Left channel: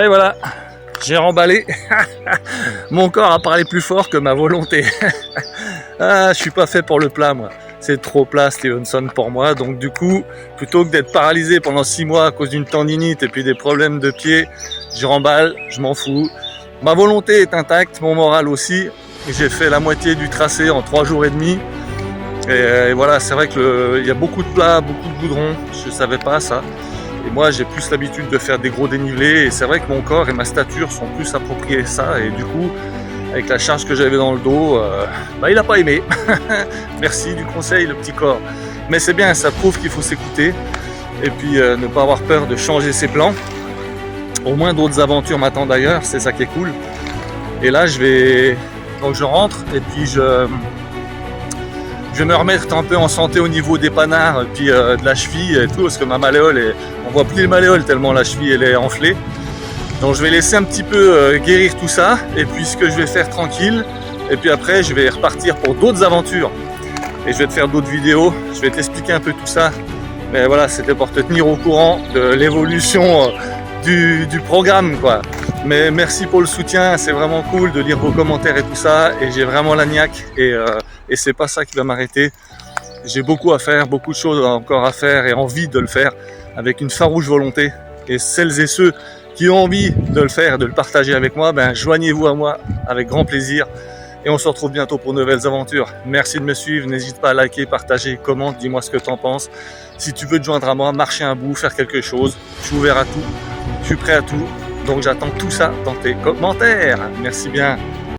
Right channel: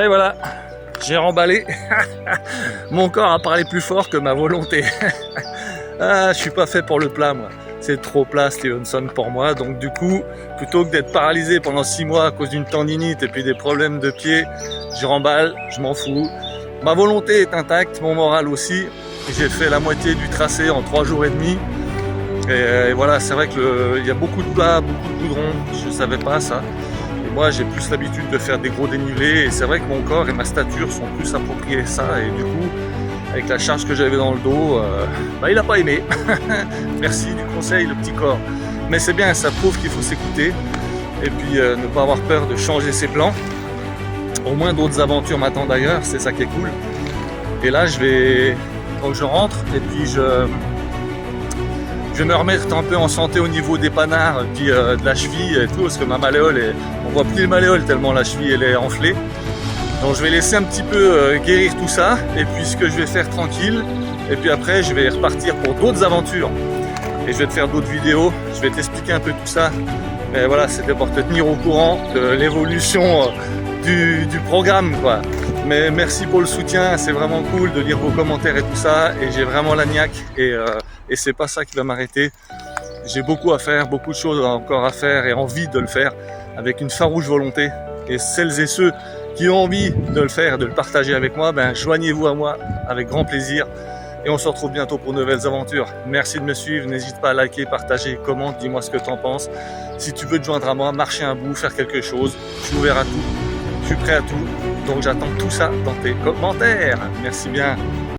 Et voilà, j'ai remballé. Mon corps a parlé plus fort que ma volonté. Ah, je suis pas fait pour le plat, moi. C'est trop plat, Stevenson, pour moi. Donc du coup, plutôt que d'être paralysé pendant 6 mois à cause d'une tendinite et puis des problèmes de pied, je remballe, je m'en fous. Ma volonté est intacte, mon moral aussi. J'ai fait la moitié du tracé en 3 jours et demi. Et voilà, c'est vrai qu'il y a beaucoup de plats, beaucoup de goudron. Je savais pas ça. Et moi, j'ai plus l'habitude de faire des gros dénivelés. Et c'est vrai que mon corps et ma stature sont plus appropriés à ça. Et du coup, avec la charge que j'avais dans le dos, il n'a pas aimé. Merci du conseil, le petit corps. Mais c'est bien, ça prouve qu'il faut s'écouter. Et puis ne pas avoir peur de changer ses plans. Au moins d'autres aventures m'attendent d'ailleurs, c'est ça qui est cool. Et là, donc je rentre et puis je vais me remettre un peu en santé au niveau des panards et puis de la cheville et tout, parce que ma malléole, on voit plus les malléoles tellement la cheville elle est enflée. Donc je vais laisser un petit peu guérir tout ça, et puis ce que je vais faire tranquille, et puis après je vais repartir pour d'autres aventures. Et je vais te faire d'autres vidéos, je vais t'expliquer un peu tout ça. Mais voilà, c'était pour te tenir au courant de l'évolution du programme, quoi. Mais merci pour le soutien, c'est vraiment cool de lire vos commentaires et tout ça, et j'ai vraiment la niaque, et c'est pas ça qui va m'arrêter. J'ai beaucoup à faire, beaucoup de choses encore à faire, et envie de le faire avec une farouche volonté. Et celles et ceux qui ont envie de le faire, de le partager avec moi, joignez-vous à moi avec grand plaisir. Et on se retrouve bientôt pour de nouvelles aventures. Merci de me suivre, n'hésite pas à liker, partager, commente, dis-moi ce que tu en penses. Si tu veux te joindre à moi, marcher un bout, faire quelque chose, je suis ouvert à tout, je suis prêt à tout. Donc j'attends tout ça dans tes commentaires. Merci bien.